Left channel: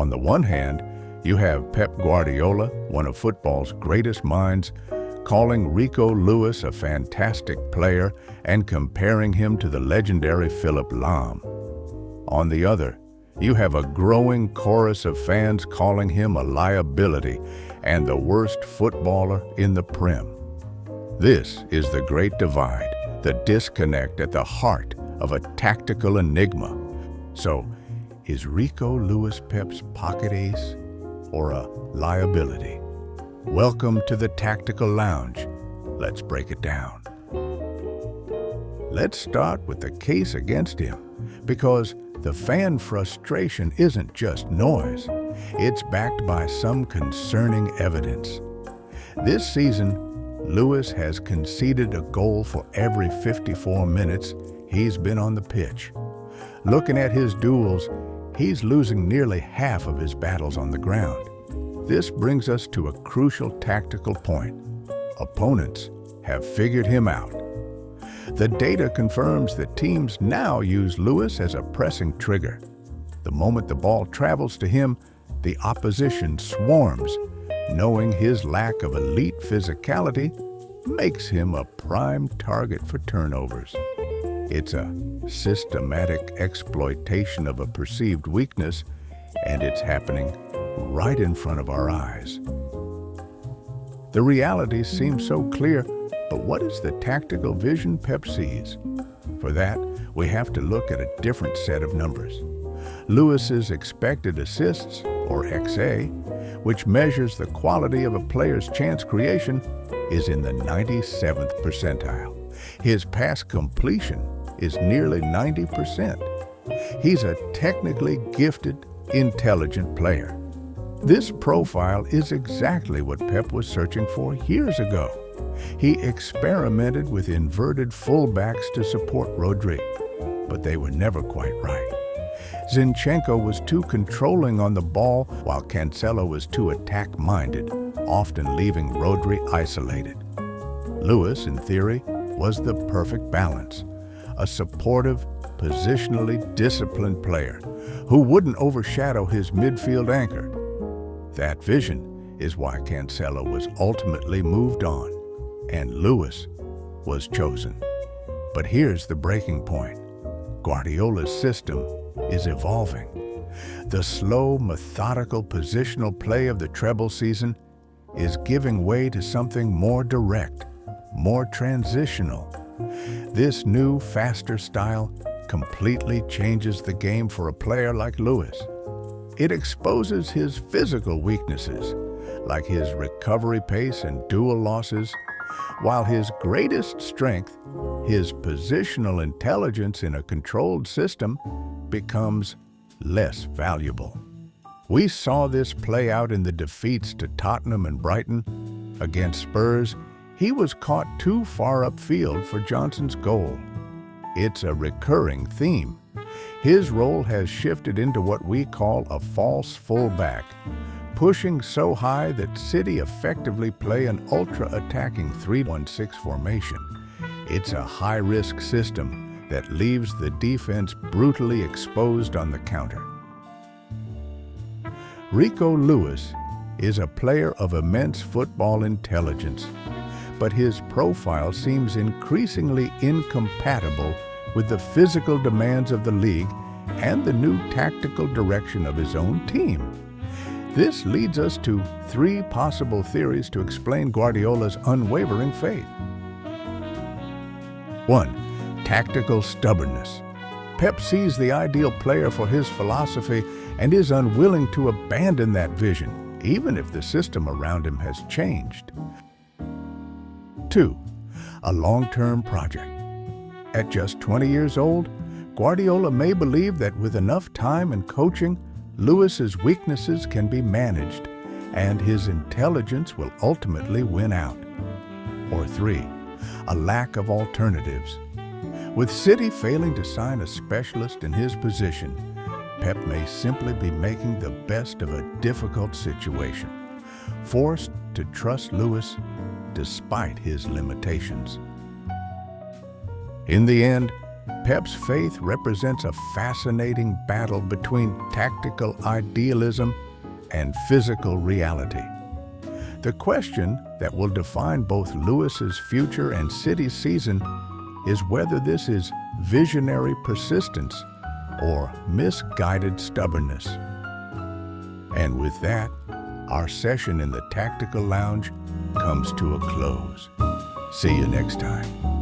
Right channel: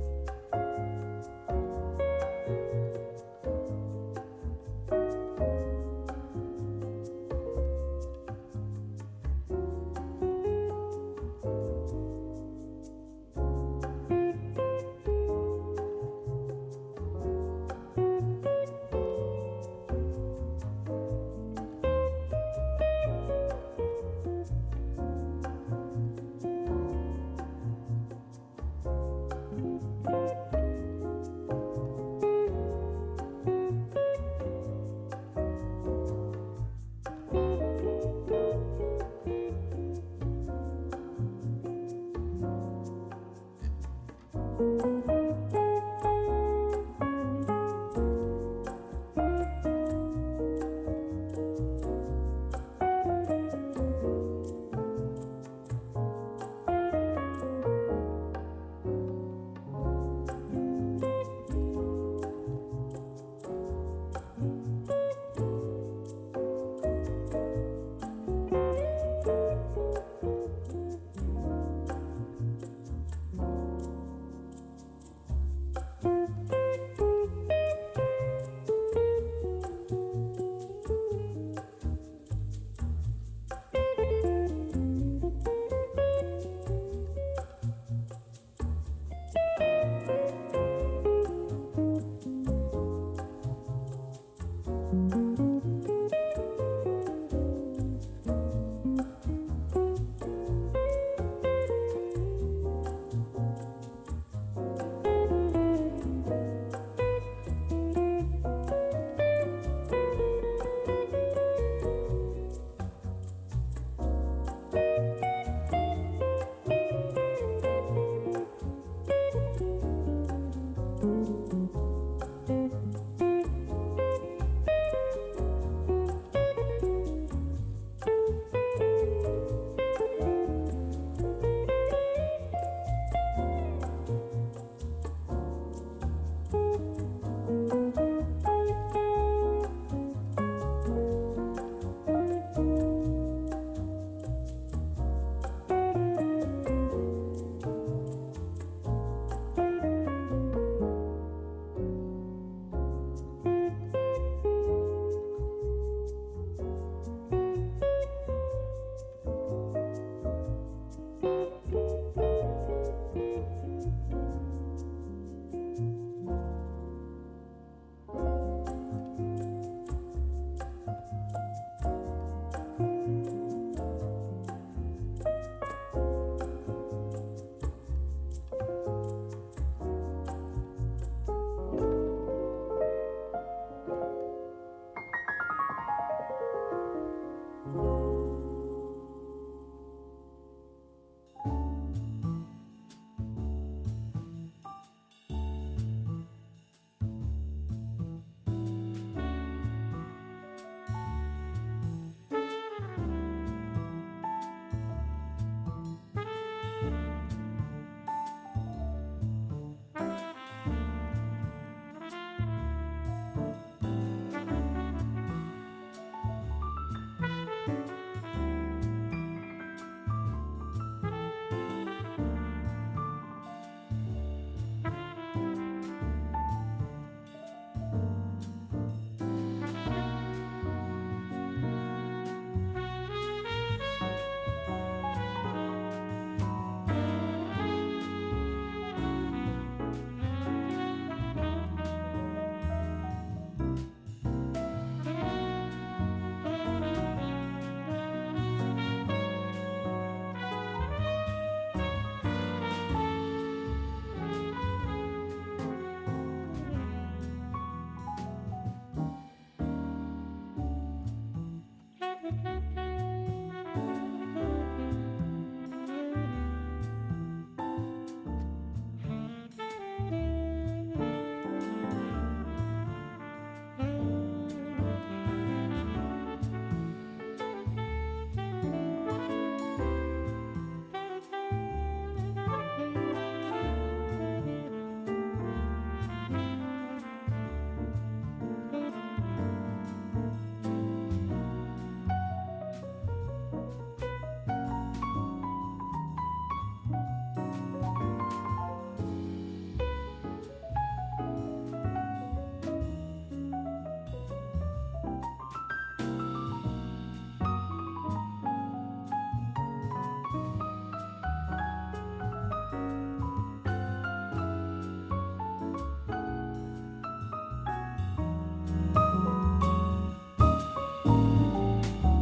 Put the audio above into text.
On the one hand, you have Pep Guardiola, one of football's greatest minds, calling Rico Lewis a fantastic player and comparing him to the legendary Philip Lahm. On the other, you have a growing chorus of fans calling him a liability and the worst footballer in the Prem. This is the great divide, the disconnect at the heart of a tactical enigma. So, is Rico Lewis Pep's pocket ace or a liability? Welcome to the Tactical Lounge. Let's break it down. Let's start with the case against him, because the fan frustration isn't just noise. It's backed by some concerning evidence. This season, Lewis has conceded a goal for every 54 minutes he's been on the pitch. Looking at his duels, he's losing nearly half of his battles on the ground. This brings us to a crucial tactical point. Opponents have figured him out. The data confirms that teams now use Lewis as a pressing trigger. The moment the ball travels to him, the opposition swarms, knowing his lack of elite physicality makes him a prime target for turnovers. It's a systematic exploitation of a perceived weakness, and it's happening right in front of our eyes. The reality seems so clear, but what is the tactical vision Pep sees? For that, we have to look at a different set of numbers. Lewis's expected assists, or XA, which measures the quality of a player's chance creation, is in the 97th percentile. His pass completion is nearly 90%. He's a technically gifted, intelligent player. This profile is exactly what Pep was searching for years ago. He experimented with inverted fullbacks to support Rodri, but they were never quite right. Zinchenko was too controlling on the ball, while Cancelo was too attack-minded, often leaving Rodri isolated. Lewis, in theory, was the perfect balance, a supportive, positionally disciplined player who wouldn't overshadow his midfield anchor. That vision is why Cancelo was ultimately moved on, and Lewis was chosen. But here's the breaking point. Guardiola's system is evolving. The slow, methodical positional play of the treble season is giving way to something more direct, more transitional. This new, faster style completely changes the game for a player like Lewis. It exposes his physical weaknesses, like his recovery pace and duel losses, while his greatest strength, his positional intelligence in a controlled system, becomes less valuable. We saw this play out in the defeats to Tottenham and Brighton. Against Spurs, he was caught too far upfield for Johnson's goal. It's a recurring theme. His role has shifted into what we call a false fullback, pushing so high that City effectively play an ultra-attacking 3-1-6 formation. It's a high-risk system that leaves the defense brutally exposed on the counter. Rico Lewis is a player of immense football intelligence, but his profile seems increasingly incompatible with the physical demands of the league and the new tactical direction of his own team. This leads us to three possible theories to explain Guardiola's unwavering faith. 1. Tactical stubbornness. Pep sees the ideal player for his philosophy and is unwilling to abandon that vision, even if the system around him has changed. 2. A long-term project. At just 20 years old, Guardiola may believe that with enough time and coaching, Lewis's weaknesses can be managed, and his intelligence will ultimately win out. Or 3. A lack of alternatives. With City failing to sign a specialist in his position, Pep may simply be making the best of a difficult situation, forced to trust Lewis despite his limitations. In the end, Pep's faith represents a fascinating battle between tactical idealism and physical reality. The question that will define both Lewis's future and City's season is whether this is visionary persistence or misguided stubbornness. And with that, our session in the Tactical Lounge comes to a close. See you next time.